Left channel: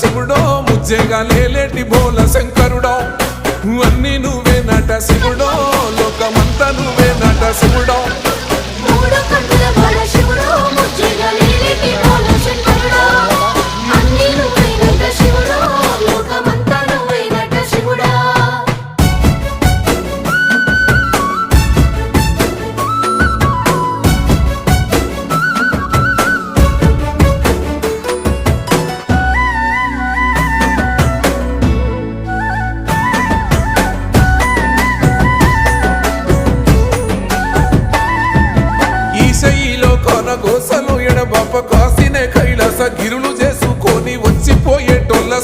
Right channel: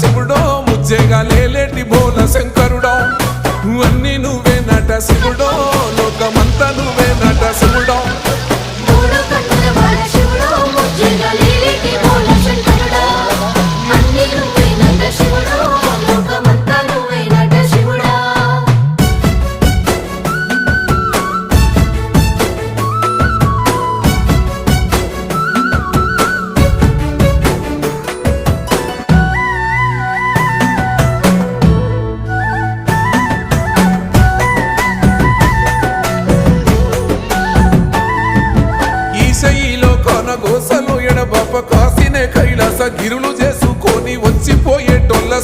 శివుడో ముజ్జేగా లేలేటి బోల శంకరుడో అన్నీ నువ్వేనట శివుడో లోకమంతా నువ్వేనట శివుడో ఈశయిలో కొనగోసలు ఎడబాప కాసినే కైలాస గిరులు చేసుకొని వచ్చిపోయేటోళ్ళ